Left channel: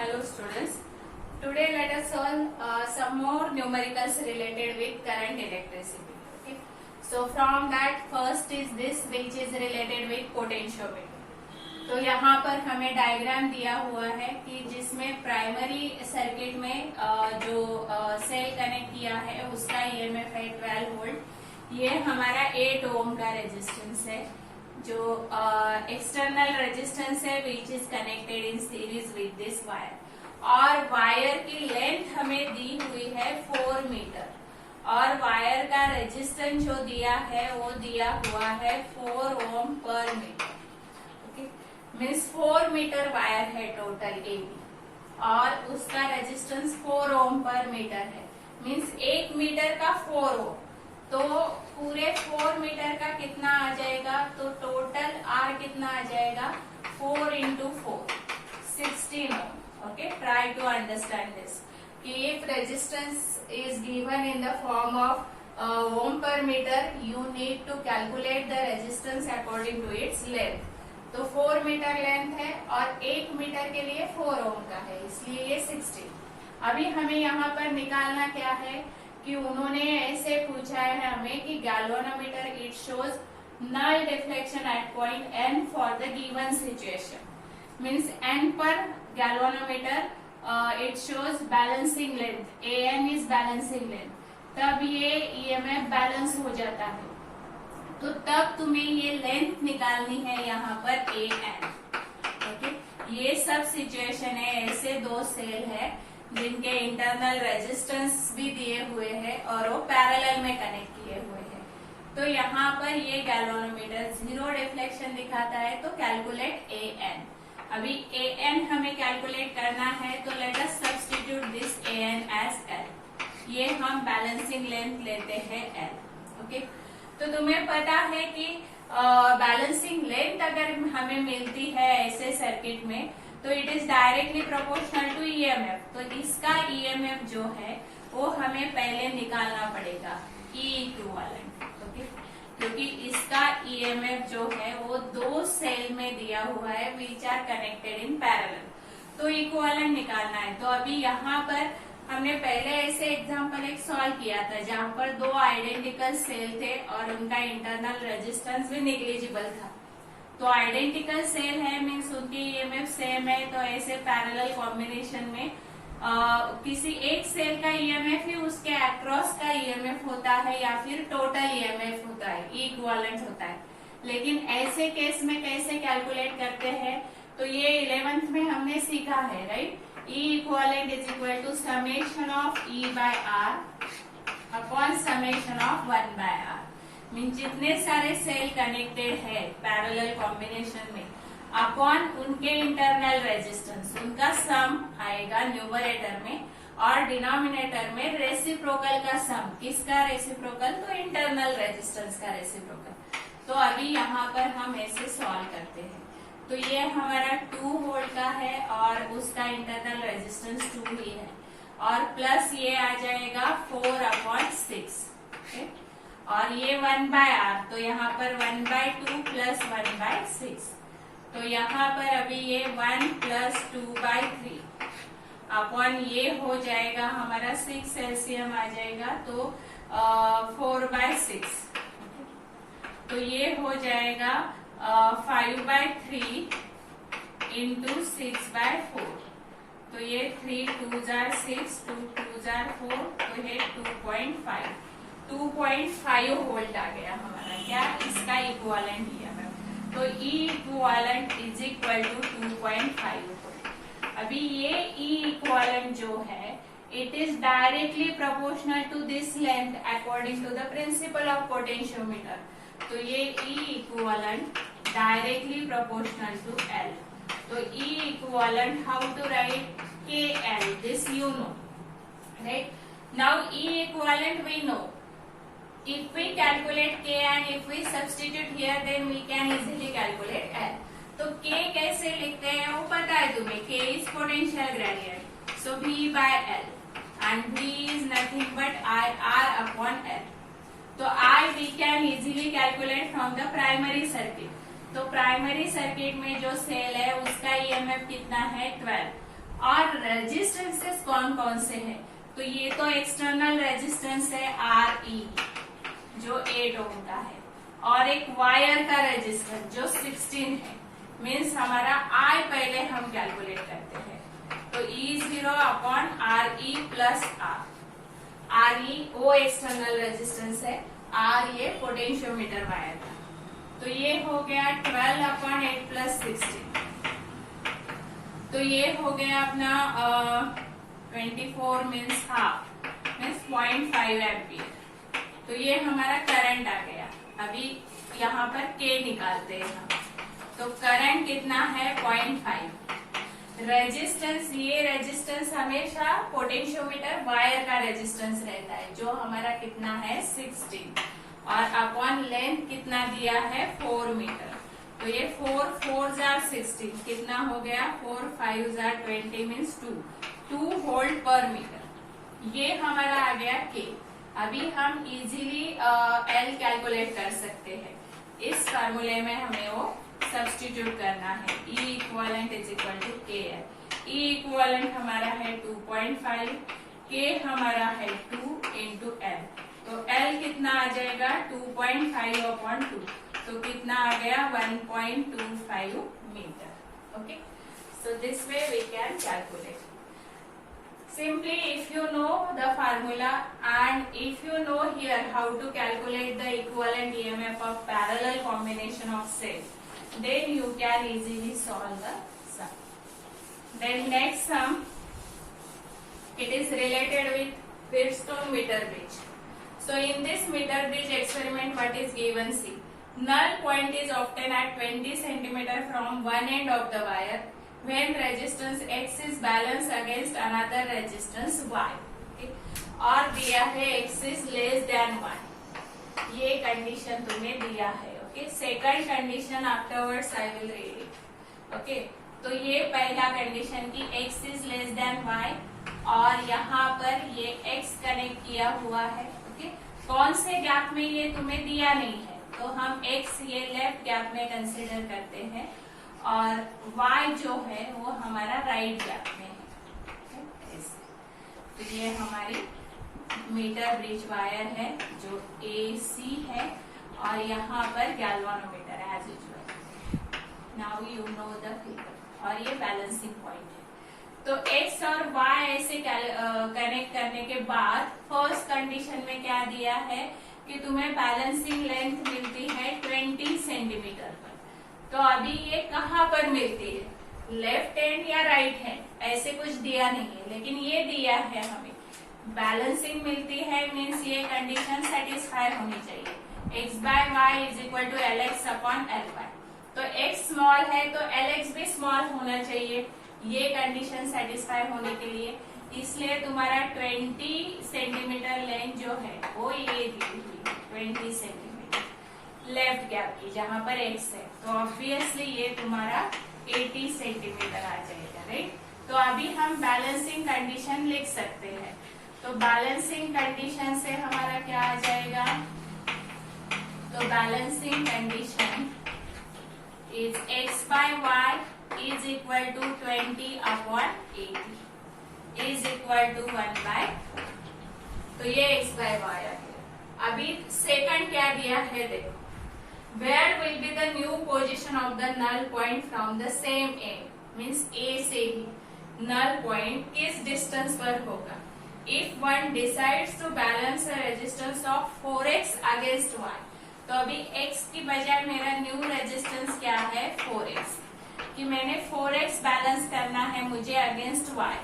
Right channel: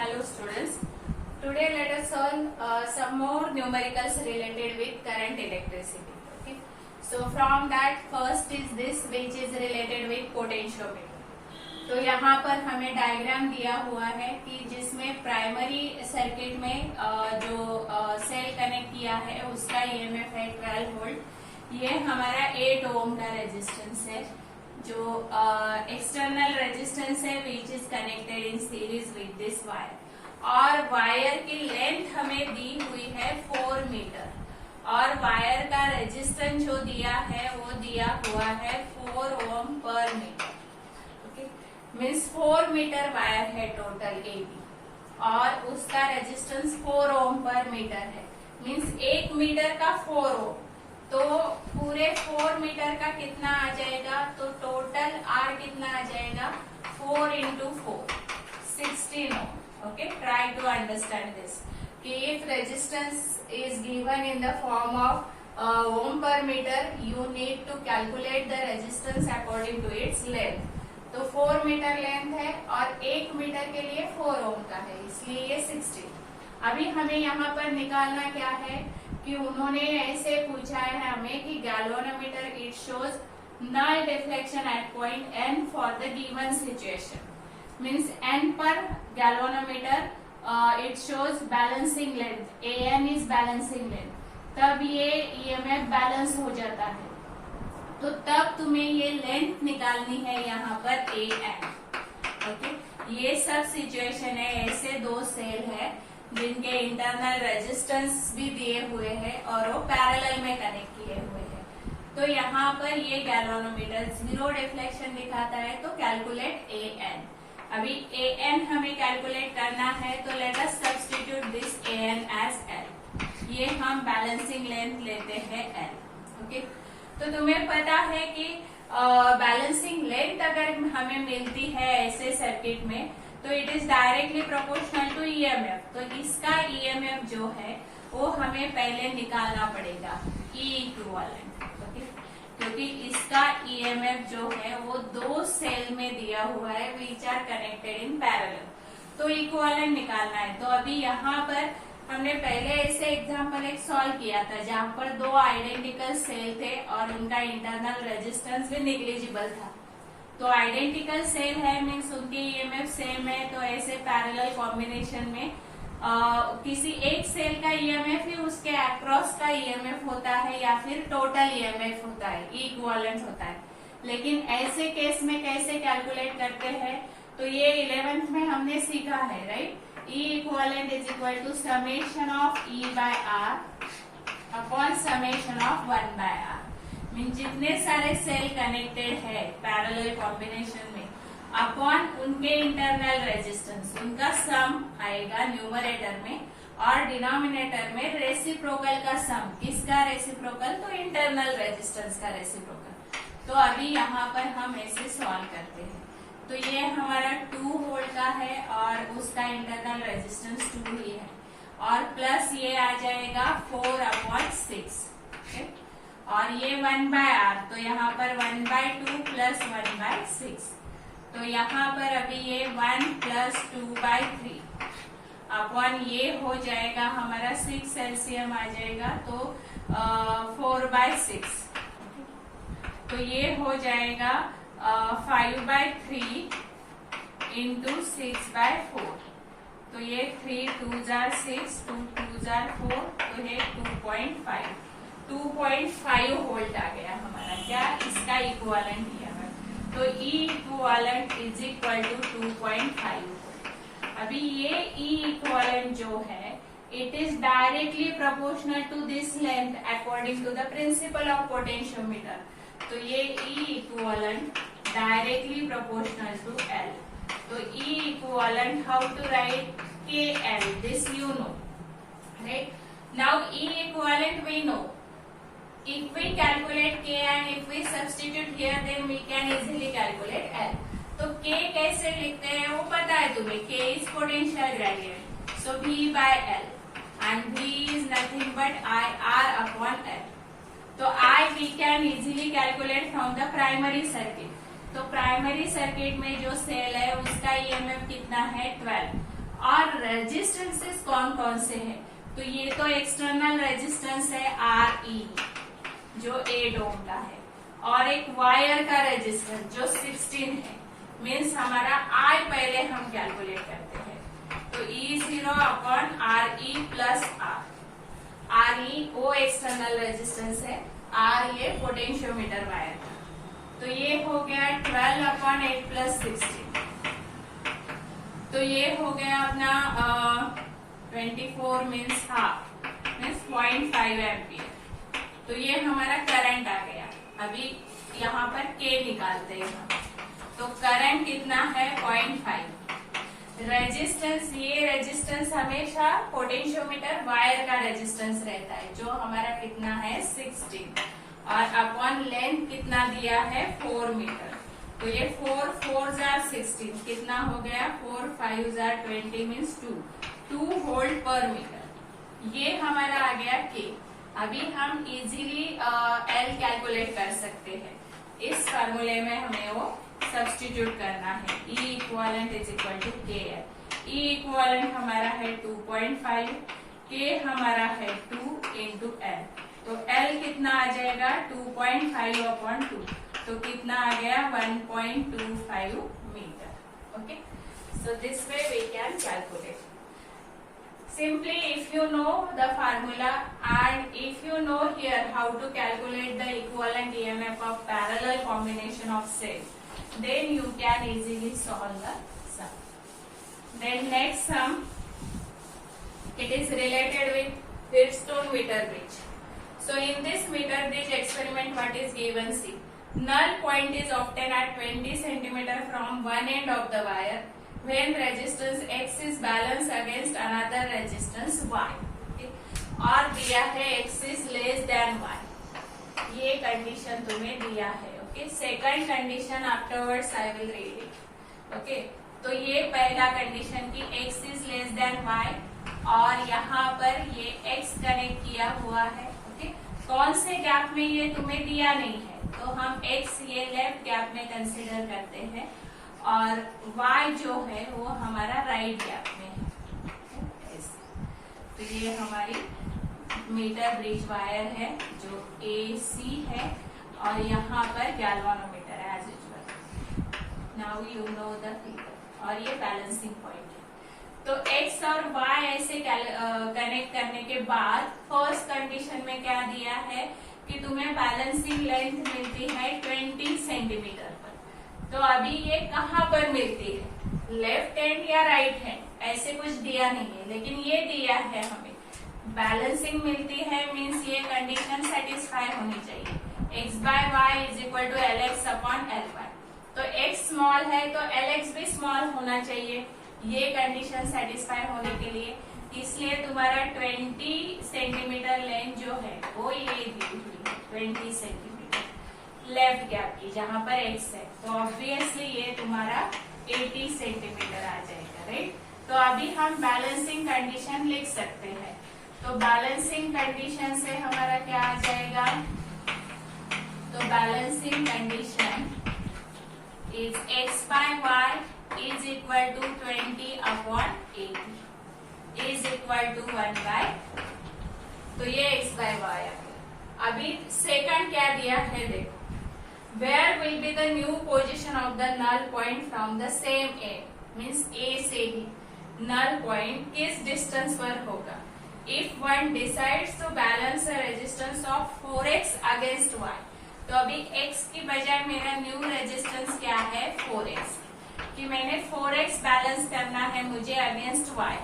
Hello students. Today let us solve some more numericals related with current electricity. Okay. So from that first is this which is related with potentiometer. तो यहाँ पर हमें diagram दिया हुआ है कि जिसमें प्राइमरी सर्किट में जो सेल कनेक्ट किया है उसका ईएमएफ है 12 वोल्ट। ये हमारा 8 ओम का रेजिस्टेंस है जो एक्सटर्नल रेजिस्टेंस है which is connected in series with this wire और वायर की लेंथ हमें दी हुई है 4 मीटर और वायर का रेजिस्टेंस जो दिया है वो दिया हुआ है 4 ओम पर metre. Okay, means 4 metre wire है टोटल एबी और उसका रेजिस्टेंस 4 ओम पर मीटर है। मीन्स 1 मीटर का 4 ओम, तो पूरे 4 मीटर का कितना आ जाएगा, तो टोटल आर कितना आ जाएगा 4 into 4 16 ohm. Okay, try to understand this कि if resistance is given in the form of ohm पर metre you need to calculate the resistance according to its length. तो 4 मीटर लेंथ है और 1 metre के लिए 4 ओम का है, इसलिए ये 16। अभी हमें यहाँ पर निकालना क्या है कि उन्होंने ऐसे पूछा है हमें कि galvanometer it shows null deflection at point N for the given situation. Means N पर galvanometer it shows balancing length, A N is balancing length, तब ये ईएमएफ बैलेंस हो जाता है। तो तब तुम्हें ये लेंथ निकालनी है यहाँ पर ए एन। ओके, ये सब सिचुएशन है, ऐसे दो सेल है जिनके इंटरनल रेजिस्टेंस भी दिए हुए हैं और वो पैरेलल में कनेक्ट किए हुए हैं। तो यहाँ पर ये गैल्वेनोमीटर 0 डिफ्लेक्शन दिखाता है, तो कैलकुलेट ए एन। अभी ए एन हमें कैलकुलेट करना है, तो let us substitute this A N as L. ये हम बैलेंसिंग लेंथ लेते हैं एल। ओके, तो तुम्हें पता है कि बैलेंसिंग लेंथ अगर हमें मिलती है ऐसे सर्किट में तो it is directly proportional to EMF. तो इसका ईएमएफ जो है वो हमें पहले निकालना पड़ेगा ई इक्विवेलेंट। ओके, क्योंकि इसका ईएमएफ जो है वो दो सेल में दिया हुआ है which are connected in parallel, तो इक्विवेलेंट निकालना है। तो अभी यहाँ पर हमने पहले ऐसे एग्जाम्पल एक सॉल्व किया था जहाँ पर दो आइडेंटिकल सेल थे और उनका इंटरनल रेजिस्टेंस भी नेग्लिजिबल था। तो आइडेंटिकल सेल है मीन्स उनकी ईएमएफ सेम है, तो ऐसे पैरेलल कॉम्बिनेशन में किसी एक सेल का ईएमएफ ही उसके अक्रॉस का ईएमएफ होता है या फिर टोटल ईएमएफ होता है, इक्विवेलेंट होता है। लेकिन ऐसे केस में कैसे कैलकुलेट करते हैं, तो ये 11th में हमने सीखा है, right. E equivalent is equal to summation of E by R upon summation of 1 by R. Mean जितने सारे सेल कनेक्टेड है पैरेलल कॉम्बिनेशन में अपॉन उनके इंटरनल रेजिस्टेंस, उनका सम आएगा न्यूमरेटर में और डिनोमिनेटर में रेसिप्रोकल का सम। किसका रेसिप्रोकल, तो इंटरनल रेजिस्टेंस का रेसिप्रोकल। तो अभी यहाँ पर हम ऐसे सॉल्व करते हैं। तो ये हमारा 2 वोल्ट का है और उसका इंटरनल रेजिस्टेंस 2 ही है और प्लस ये आ जाएगा 4/6। और ये 1 बाय आर, तो यहाँ पर 1/2 प्लस 1/6। तो यहाँ पर अभी ये 1 प्लस 2/3 अपॉन ये हो जाएगा हमारा 6 एलसीएम आ जाएगा, तो 4/6। तो ये हो जाएगा 5/3 इंटू 6/4। तो ये 3 2s are 6, 2 2s are 4, तो ये 2.5 वोल्ट आ गया हमारा क्या, इसका इक्विवेलेंट ईएमएफ। तो E equivalent is equal to 2.5 volt. अभी ये ई इक्विवेलेंट जो है it is directly proportional to this length according to the principle of potentiometer. तो ये E equivalent directly proportional to L. तो E equivalent how to write, K L, this you know, right. Now E equivalent we know, if we calculate k and if we substitute here then we can easily calculate L. तो k कैसे लिखते हैं वो पता है तुम्हें, k is potential gradient, so V by L and V is nothing but I R upon L. तो I we can easily calculate from the primary circuit. तो प्राइमरी सर्किट में जो सेल है उसका ईएमएफ कितना है 12 और रेजिस्टेंसेस कौन कौन से हैं, तो ये तो एक्सटर्नल रेजिस्टेंस है RE जो 8 ओम का है, और एक वायर का रेजिस्टेंस जो 16 है। मीन्स हमारा I पहले हम कैलकुलेट करते हैं, तो E0 upon RE plus R। RE वो एक्सटर्नल रेजिस्टेंस है, R ये पोटेंशियोमीटर वायर का, तो ये हो गया 12 अपॉन 8 प्लस 16, तो ये हो गया अपना 24 मीन्स हाफ मीन्स 0.5 एम्पियर। तो ये हमारा करंट आ गया। अभी यहाँ पर K निकालते हैं हम, तो करंट कितना है 0.5। रेजिस्टेंस, ये रेजिस्टेंस हमेशा पोटेंशियोमीटर वायर का रेजिस्टेंस रहता है जो हमारा कितना है 16, और अपॉन लेंथ कितना दिया है 4 मीटर, तो ये 4 4 जार 16 कितना हो गया 4 5 जार 20 मीन्स 2 वोल्ट पर मीटर। ये हमारा आ गया K। अभी हम इजीली L कैलकुलेट कर सकते हैं। इस फार्मूले में हमें वो सब्स्टिट्यूट करना है, E equivalent is equal to KL। E equivalent हमारा है 2.5, K हमारा है 2 इंटू L, तो L कितना आ जाएगा 2.5 अपॉन 2, तो कितना आ गया 1.25 metre. Okay, so this way we can calculate. Simply if you know the formula and if you know here how to calculate the equivalent EMF of parallel combination of cells, then you can easily solve the sum. Then next sum, it is related with Wheatstone meter bridge. So in this meter bridge experiment, what is given? See, null point is obtained at 20 centimeter from one end of the wire when resistance X is balanced against another resistance Y. Okay? और दिया है X is less than Y. ये condition तुम्हें दिया है। Okay, second condition afterwards I will read it. Okay, तो ये पहला कंडीशन की X is less than Y, और यहाँ पर ये X कनेक्ट किया हुआ है। ओके, कौन से गैप में ये तुम्हें दिया नहीं है, तो हम X ये लेफ्ट गैप में कंसिडर करते हैं, और Y जो है वो हमारा राइट गैप में है। तो ये हमारी मीटर ब्रिज वायर है जो AC है, और यहाँ पर गैल्वानोमीटर है as usual. Now you know the figure, और ये बैलेंसिंग पॉइंट है। तो X और Y ऐसे कनेक्ट करने के बाद फर्स्ट कंडीशन में क्या दिया है कि तुम्हें बैलेंसिंग लेंथ मिलती है 20 सेंटीमीटर पर। तो अभी ये कहाँ पर मिलती है, लेफ्ट हैंड या राइट हैंड, ऐसे कुछ दिया नहीं है, लेकिन ये दिया है हमें बैलेंसिंग मिलती है, मीन्स ये कंडीशन सेटिस्फाई होनी चाहिए। X by Y is equal to LX upon LY। तो X स्मॉल है तो LX भी स्मॉल होना चाहिए ये कंडीशन सेटिस्फाई होने के लिए, इसलिए तुम्हारा 20 सेंटीमीटर लेंथ जो है वो ये दी हुई है 20 सेंटीमीटर लेफ्ट गैप की, जहां पर X है, तो ऑब्वियसली ये तुम्हारा 80 सेंटीमीटर आ जाएगा, राइट। तो अभी हम बैलेंसिंग कंडीशन लिख सकते हैं। तो बैलेंसिंग कंडीशन से हमारा क्या आ जाएगा, तो balancing condition is X by Y is equal to 20 upon 80 is equal to 1 by, तो ये X बाय Y आ गया। अभी सेकंड क्या दिया है देखो, where will be the new position of the null point from the same A, means A से ही null point किस डिस्टेंस पर होगा। If one decides to balance a resistance of 4x against Y, तो अभी x की बजाय मेरा new resistance क्या है 4x, कि मैंने 4x बैलेंस करना है मुझे अगेंस्ट y,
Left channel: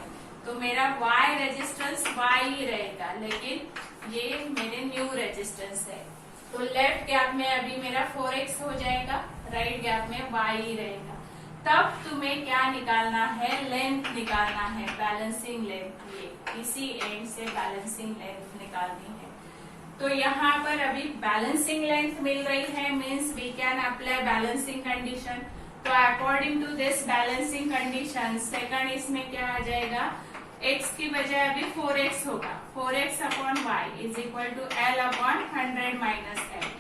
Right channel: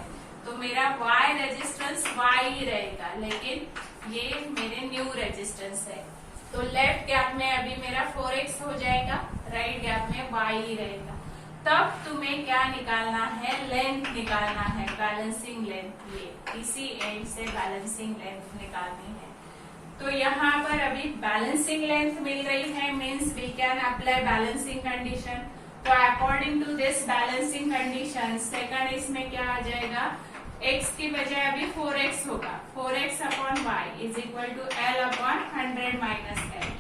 तो मेरा y रेजिस्टेंस y ही रहेगा, लेकिन ये मेरे न्यू रेजिस्टेंस है। तो लेफ्ट गैप में अभी मेरा 4x हो जाएगा, राइट गैप में y ही रहेगा। तब तुम्हें क्या निकालना है, लेंथ निकालना है, बैलेंसिंग लेंथ, ये इसी एंड से बैलेंसिंग लेंथ निकालनी है। तो यहाँ पर अभी बैलेंसिंग लेंथ मिल गई है, means we can apply balancing condition. तो according to this balancing condition second इसमें क्या आ जाएगा, x की बजाय अभी 4x होगा, 4x upon y is equal to L upon 100 minus L।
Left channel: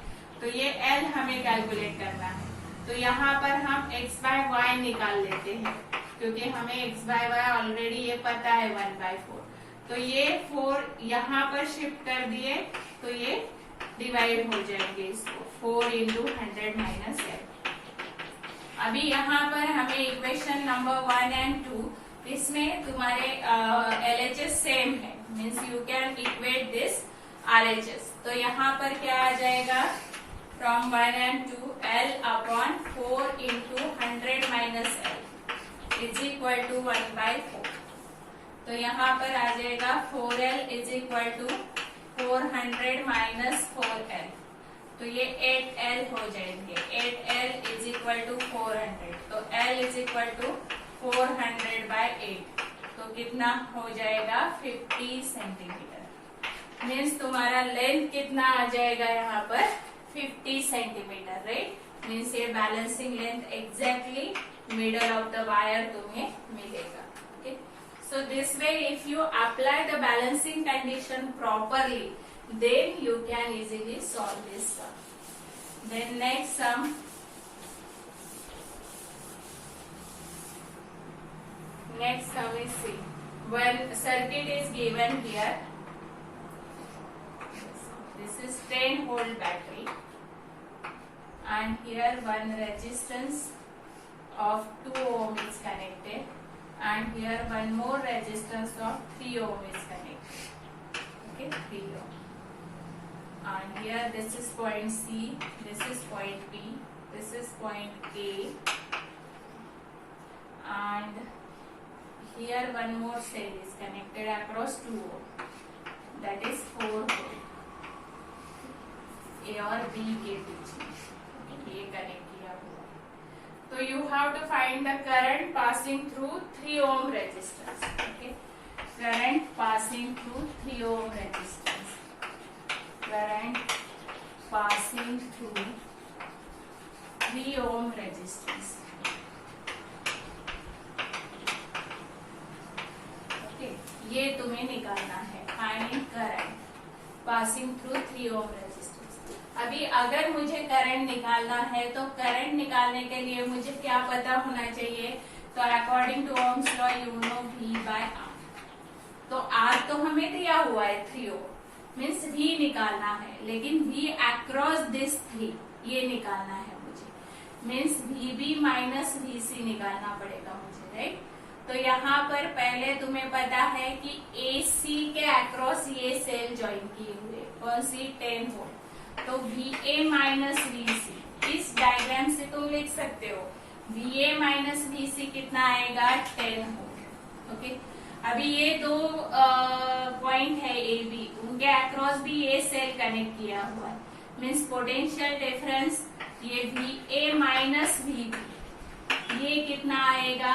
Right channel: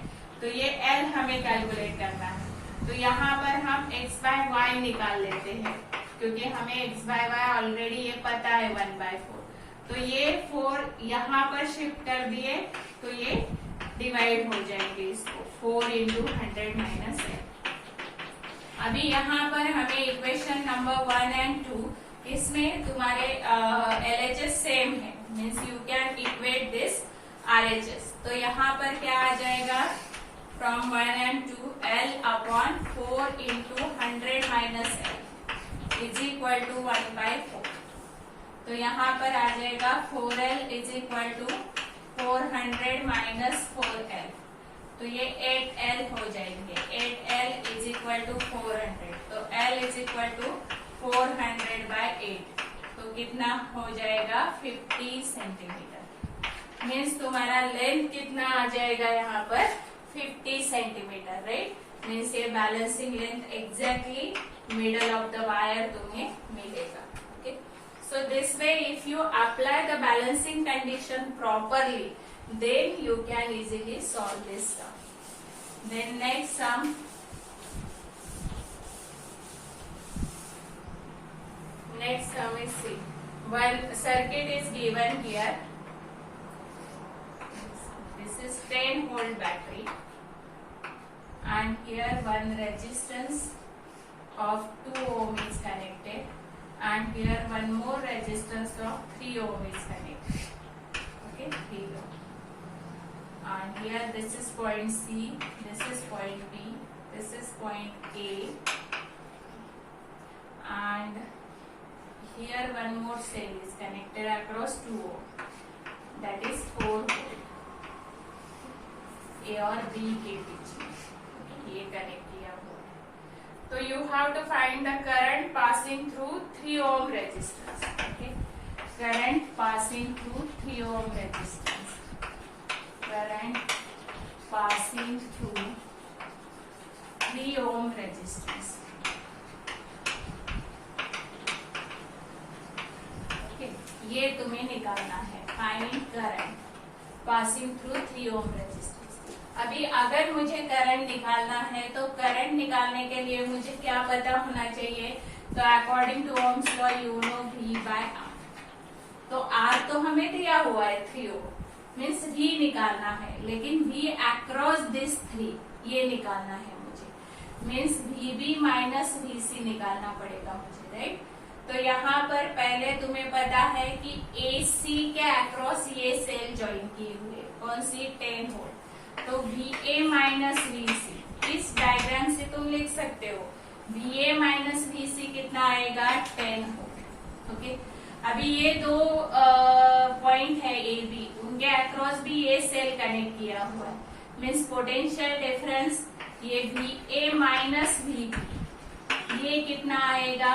तो ये L हमें कैलकुलेट करना है। तो यहाँ पर हम x बाय y निकाल लेते हैं, क्योंकि हमें x बाय वाई ऑलरेडी ये पता है 1/4। तो ये 4 यहाँ पर शिफ्ट कर दिए तो ये डिवाइड हो जाएंगे इसको 4 इंटू 100 माइनस एल। अभी यहाँ पर हमें इक्वेशन नंबर 1 एंड 2 इसमें तुम्हारे LHS सेम है, means you can equate this RHS। तो यहाँ पर क्या आ जाएगा, from 1 and 2 L upon 4 into 100 minus L is equal to 1/4। तो यहाँ पर आ जाएगा 4L is equal to 400 minus 4L। तो ये 8L हो जाएंगे। 8L is equal to 400। तो L इज इक्वल टू 400/8। तो कितना हो जाएगा 50 सेंटीमीटर। मीन्स तुम्हारा लेंथ कितना आ जाएगा यहाँ पर 50 सेंटीमीटर, राइट। मीन्स ये balancing length exactly middle of the wire तुम्हें मिलेगा। Okay, so this way if you apply the balancing condition properly, then you can easily solve this sum. Then next sum, is see, one circuit is given here. This is 10 volt battery, and here one resistance of 2 ohm is connected, and here one more resistance of 3 ohm is connected. Okay, 3 ohm. And here this is point C, this is point B, this is point A, and here one more cell is connected across 2 ohm, that is 4 volt. A और B के बीच में ये connect किया हुआ है। तो you have to find the current passing through 3 ohm resistance. Okay, current passing through 3 ohm resistance. Current passing through 3 ohm resistance. Okay, ये तुम्हें निकालना है। Finding current passing through 3 ohm resistance. अभी अगर मुझे करंट निकालना है तो करंट निकालने के लिए मुझे क्या पता होना चाहिए, तो according to Ohm's law you know V by R। तो R तो हमें दिया हुआ है 3 ओम, मीन्स V निकालना है, लेकिन V अक्रॉस दिस 3 ये निकालना है मुझे, मीन्स VB माइनस VC निकालना पड़ेगा मुझे, राइट। तो यहाँ पर पहले तुम्हें पता है कि AC के अक्रॉस ये सेल ज्वाइन किए हुए, कौन सी 10 वोल्ट। तो VA माइनस VC इस डायग्राम से तुम लिख सकते हो, VA माइनस VC कितना आएगा 10 वोल्ट। ओके, अभी ये दो पॉइंट है AB, उनके अक्रॉस भी ये सेल कनेक्ट किया हुआ है, मीन्स पोटेंशियल डिफरेंस ये VA माइनस VB ये कितना आएगा,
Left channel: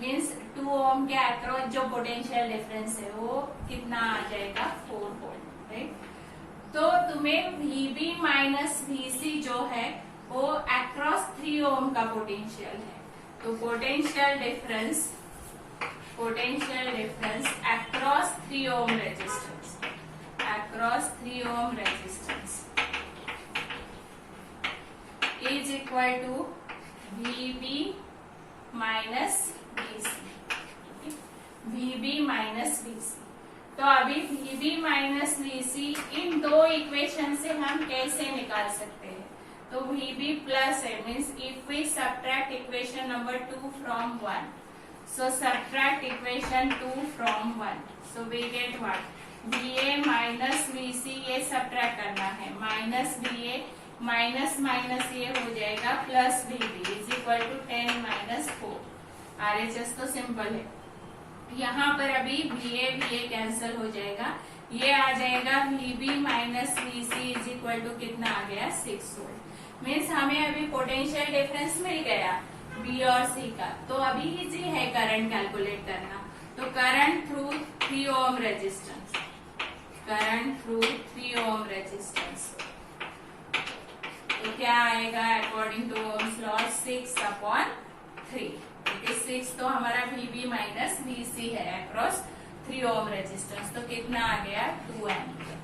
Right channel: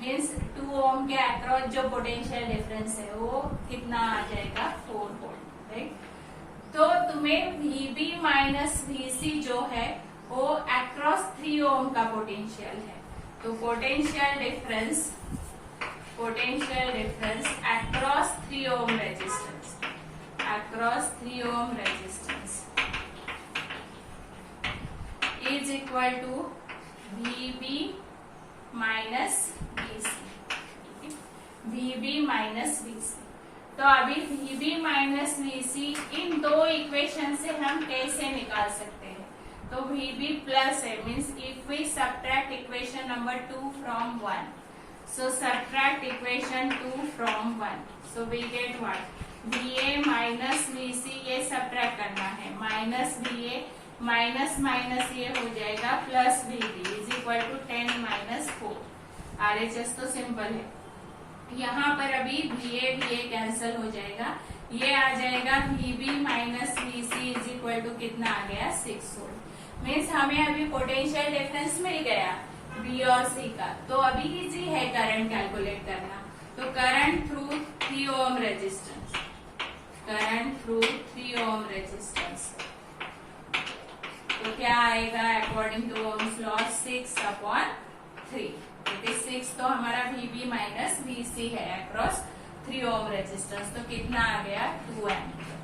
मीन्स 2 ओम के अक्रॉस जो पोटेंशियल डिफरेंस है वो कितना आ जाएगा 4 वोल्ट, राइट। तो तुम्हें VB माइनस VC जो है वो अक्रॉस 3 ओम का पोटेंशियल है। तो potential difference across 3 ohm resistance, across 3 ohm resistance is equal to VB minus VC। VB minus VC। तो अभी VB माइनस VC इन दो इक्वेशन से हम कैसे निकाल सकते हैं, तो VB प्लस है, means if we subtract equation number 2 from 1, so subtract equation 2 from 1, so we get what, VA minus VC ये सब्ट्रैक्ट करना है, माइनस VA माइनस माइनस ये हो जाएगा plus VB is equal to 10 minus 4। RHS तो simple है, यहाँ पर अभी VA कैंसिल हो जाएगा, ये आ जाएगा VB minus VC is equal to कितना आ गया 6 वोल्ट। मीन्स हमें अभी पोटेंशियल डिफरेंस मिल गया B और C का। तो अभी इजी है करंट कैलकुलेट करना। तो current through 3 ohm resistance, current through 3 ohm resistance तो क्या आएगा अकॉर्डिंग टू ओम्स लॉ 6/3, क्योंकि 6 तो हमारा VB माइनस VC है अक्रॉस 3 ओम रेजिस्टेंस, तो कितना आ गया 2 एम्पियर।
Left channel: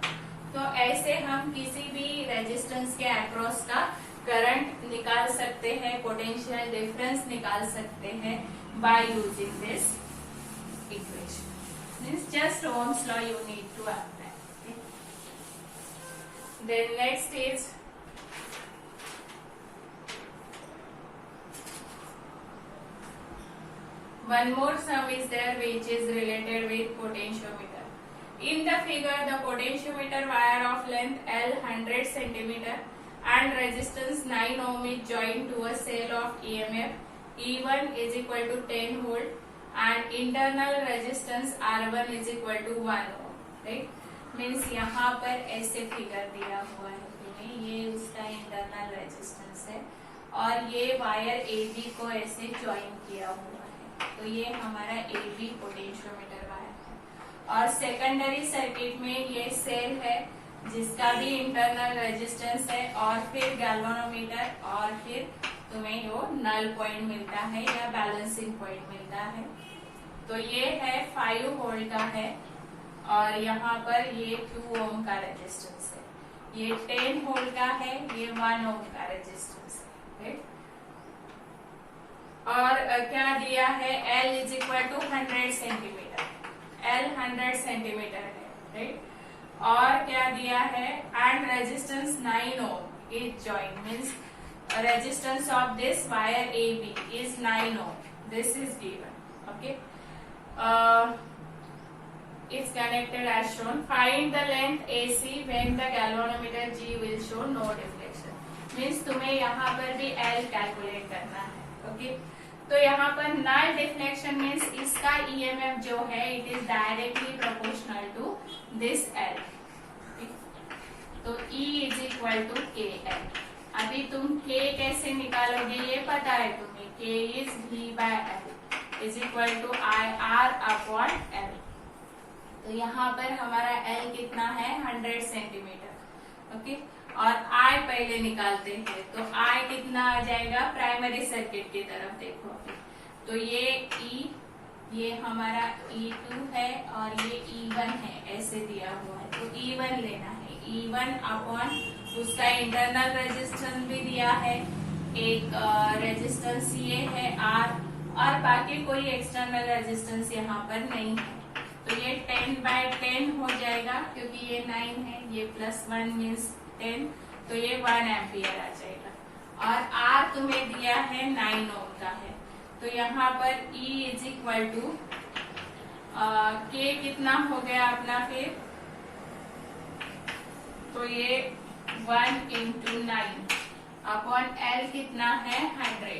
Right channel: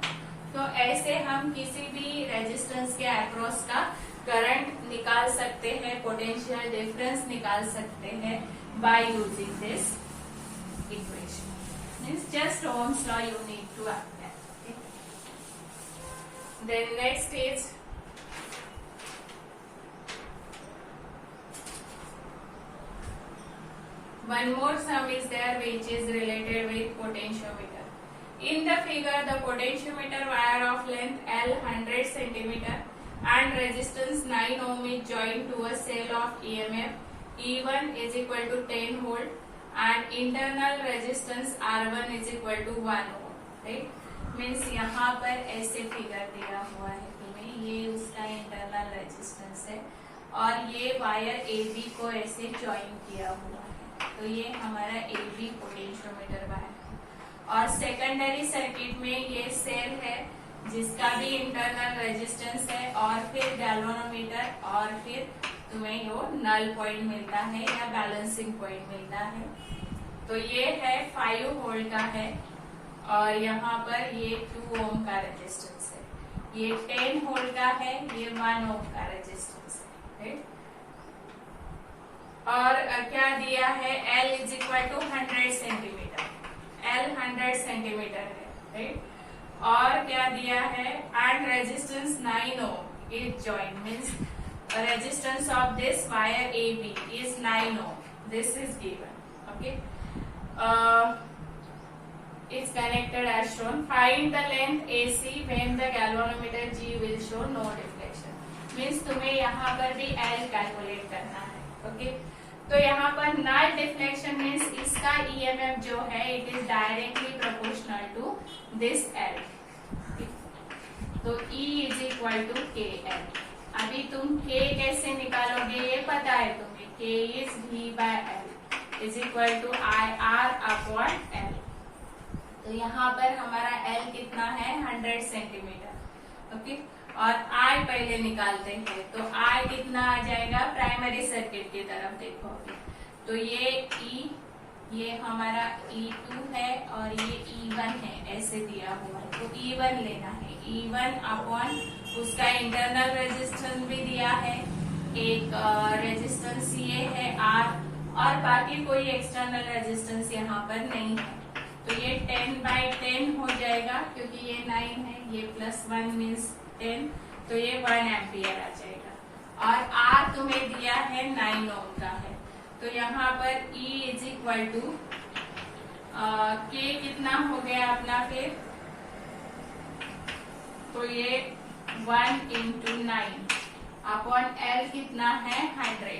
तो ऐसे हम किसी भी रेजिस्टेंस के अक्रॉस का करंट निकाल सकते हैं, पोटेंशियल डिफरेंस निकाल सकते हैं, by using this equation. Means just Ohm's law you need to apply. Okay. Then next is one more sum is there which is related with potentiometer. In the figure, the potentiometer wire of length L 100 centimeter and resistance 9 ohm is joined to a cell of EMF E1 is equal to 10 volt and internal resistance R1 is equal to 1 ohm. Right? Means यहाँ पर ऐसे figure दिया हुआ है तुम्हें, ये उसका internal resistance है और ये वायर AB को ऐसे ज्वाइन किया हुआ है, तो ये हमारा AB पोटेंशियोमीटर वायर है। और सेकेंडरी सर्किट में ये सेल है जिसका भी इंटरनल रेजिस्टेंस है और फिर गैल्वेनोमीटर और फिर तुम्हें वो नल पॉइंट मिलता है या बैलेंसिंग पॉइंट मिलता है। तो ये है 5 वोल्ट का है और यहाँ पर ये 2 ओम का रेजिस्टेंस है, ये 10 वोल्ट का है, ये 1 ओम का रेजिस्टेंस है। और क्या दिया है, L is equal to 100 centimetre, L 100 centimetre है, राइट। और क्या दिया है, and resistance 9 ohm is join, means resistance of this wire AB is 9 ohm. This is given. Okay. It's connected as shown. Find the length AC when the galvanometer G will show no deflection. Means तुम्हें यहाँ पर भी L calculate करना है. Okay. तो यहाँ पर null deflection means इसका EMF जो है it is directly proportional to this L. तो E is equal to KL. अभी तुम K कैसे निकालोगे ये पता है तुम्हें, K is V by L is equal to I R upon L। तो यहाँ पर हमारा L कितना है, 100 सेंटीमीटर, ओके। और I पहले निकालते हैं, तो I कितना आ जाएगा, प्राइमरी सर्किट की तरफ देखो, तो ये E, ये हमारा E2 है और ये E1 है, ऐसे दिया हुआ है, तो E1 लेना है, E1 अपॉन उसका इंटरनल रेजिस्टेंस भी दिया है, एक रेजिस्टेंस ये है R और बाकी कोई एक्सटर्नल रेजिस्टेंस यहाँ पर नहीं है, तो ये 10 बाय 10 हो जाएगा क्योंकि ये 9 है, ये +1 मीन्स 10, तो ये 1 एम्पियर आ जाएगा। और R तुम्हें दिया है 9 ओम का है, तो यहाँ पर E is equal to K कितना हो गया अपना फिर, तो ये 1 into 9 अपॉन L कितना है 100,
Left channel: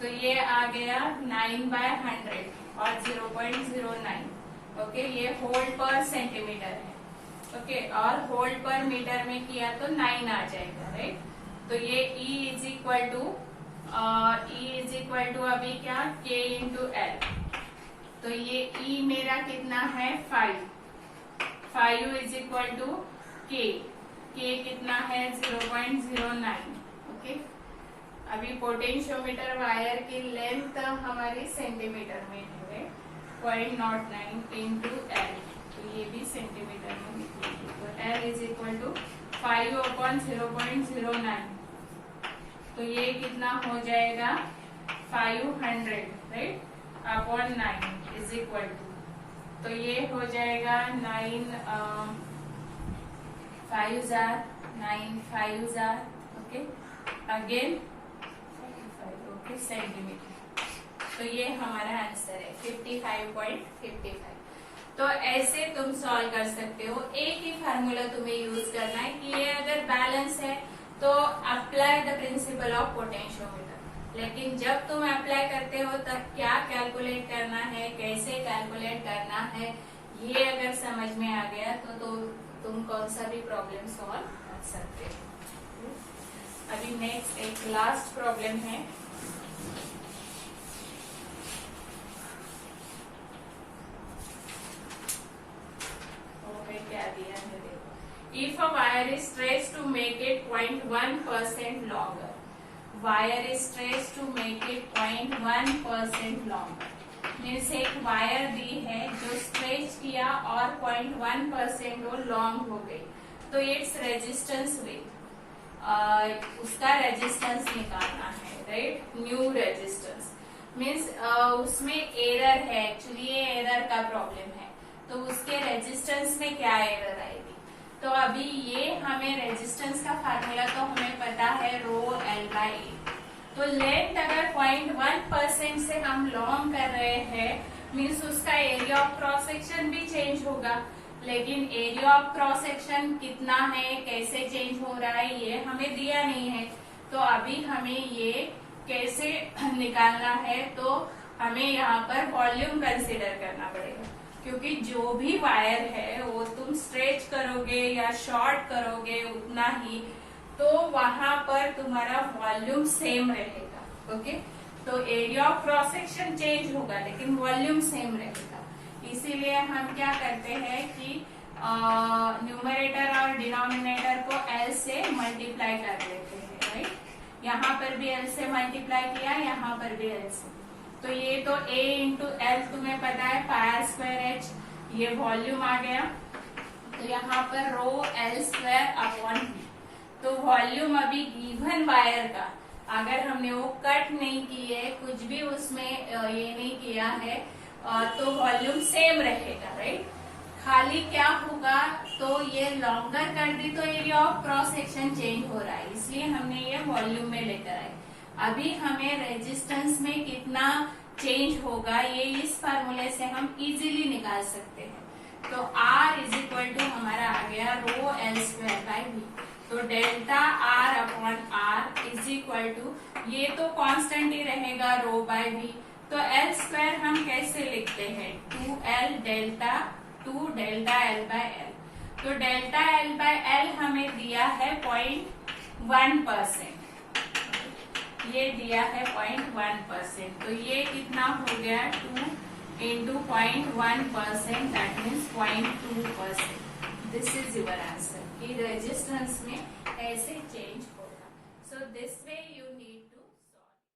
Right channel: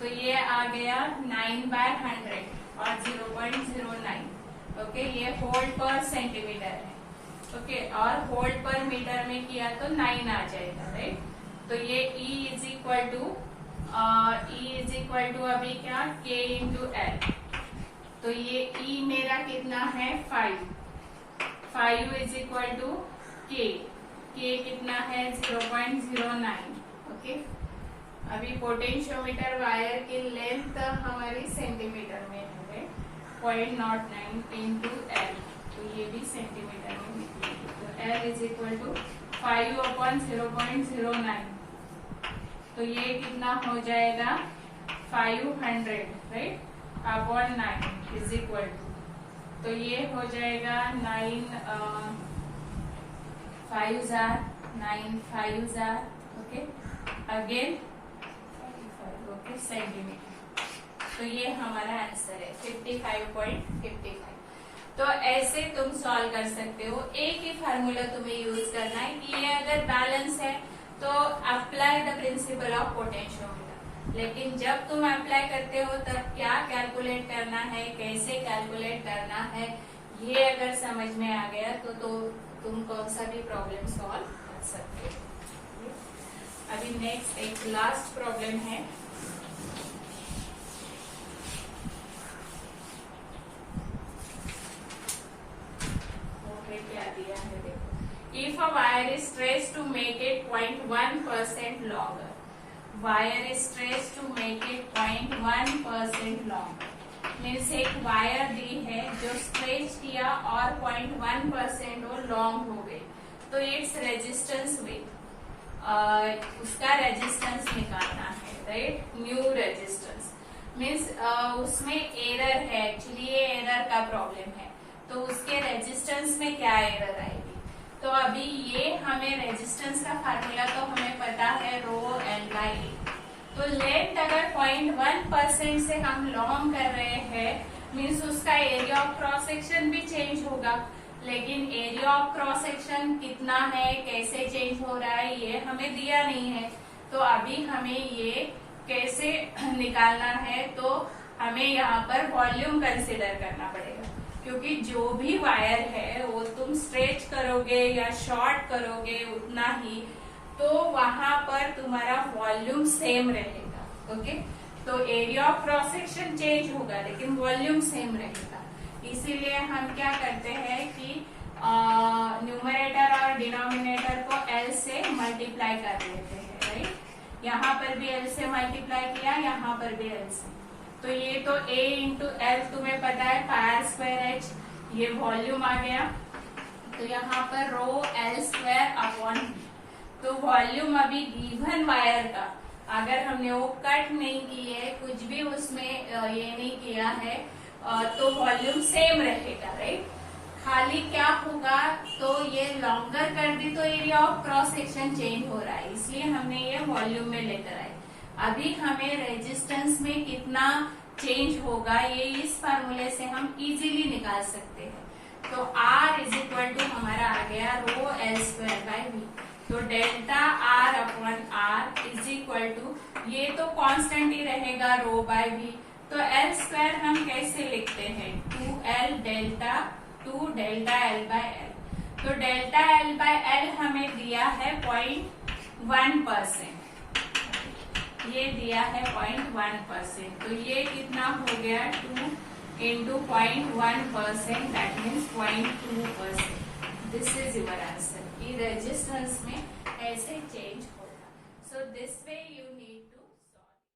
तो ये आ गया 9 बाय 100 और 0.09, ओके। ये होल्ड पर सेंटीमीटर है, ओके, और होल्ड पर मीटर में किया तो 9 आ जाएगा, राइट। तो ये E इज इक्वल टू अभी क्या, K इंटू L, तो ये E मेरा कितना है 5 इज इक्वल टू K कितना है 0.09, ओके। अभी पोटेंशियोमीटर वायर की लेंथ हमारी सेंटीमीटर में है, 0.09 इंटू L, तो ये भी सेंटीमीटर में निकलेगी, तो L is equal to 5 upon 0.09, तो ये कितना हो जाएगा 500, right, upon 9 is equal to, तो ये हो जाएगा 9 5s are 9 5s are, okay, again 55, okay, centimetre. तो ये हमारा आंसर है 55.55। तो ऐसे तुम सॉल्व कर सकते हो। एक ही फार्मूला तुम्हें यूज करना है कि ये अगर बैलेंस है तो apply the principle of potentiometer, लेकिन जब तुम अप्लाई करते हो तब क्या कैलकुलेट करना है, कैसे कैलकुलेट करना है, ये अगर समझ में आ गया तो तुम कौन सा भी प्रॉब्लम सॉल्व कर सकते हो। अभी नेक्स्ट एक लास्ट प्रॉब्लम है, क्या दिया है देखो। If a wire is stretched to make it 0.1% longer, wire is stretched to make it 0.1% longer, means एक वायर दी है जो स्ट्रेच किया और 0.1% वो लॉन्ग हो गई, तो इट्स रेजिस्टेंस विथ उसका रेजिस्टेंस निकालना है, राइट, न्यू रेजिस्टेंस। मीन्स उसमें एरर है, एक्चुअली ये एरर का प्रॉब्लम है, तो उसके रेजिस्टेंस में क्या एरर आएगी। तो अभी ये हमें रेजिस्टेंस का फार्मूला तो हमें पता है रो एल बाई ए। तो लेंथ अगर 0.1% से हम लॉन्ग कर रहे हैं मीन्स उसका एरिया ऑफ क्रॉस सेक्शन भी चेंज होगा, लेकिन एरिया ऑफ क्रॉस सेक्शन कितना है, कैसे चेंज हो रहा है, ये हमें दिया नहीं है। तो अभी हमें ये कैसे निकालना है, तो हमें यहाँ पर वॉल्यूम कंसिडर करना पड़ेगा, क्योंकि जो भी वायर है वो तुम स्ट्रेच करोगे या शॉर्ट करोगे उतना ही, तो वहां पर तुम्हारा वॉल्यूम सेम रहेगा। ओके, तो area of cross section change होगा लेकिन वॉल्यूम सेम रहेगा। इसीलिए हम क्या करते हैं कि न्यूमरेटर और डिनोमिनेटर को एल से मल्टीप्लाई कर लेते हैं, राइट। यहाँ पर भी एल से मल्टीप्लाई किया, यहाँ पर भी एल से, तो ये तो a इंटू एल तुम्हें पता है पाई स्क्वायर एच, ये वॉल्यूम आ गया। तो यहाँ पर rho L square upon B, तो वॉल्यूम अभी गिवन वायर का अगर हमने वो कट नहीं की है, कुछ भी उसमें ये नहीं किया है, तो वॉल्यूम सेम रहेगा, राइट। खाली क्या होगा, तो ये लॉन्गर कर दी तो area of cross section change हो रहा है, इसलिए हमने ये वॉल्यूम में लेकर आए। अभी हमें रेजिस्टेंस में कितना चेंज होगा ये इस फार्मूले से हम इजीली निकाल सकते हैं। तो R इज इक्वल टू हमारा आ गया rho L square by V, तो delta R upon R is equal to, ये तो कांस्टेंट ही रहेगा रो बाय वी, तो एल स्क्वायर हम कैसे लिखते हैं 2L delta 2 delta L by L. तो डेल्टा L बाय एल हमें दिया है 0.1%, ये दिया है 0.1%, तो ये कितना हो गया 2 into 0.1%, that means 0.2%। This is your answer कि रेजिस्टेंस में ऐसे चेंज होगा। So this way you need to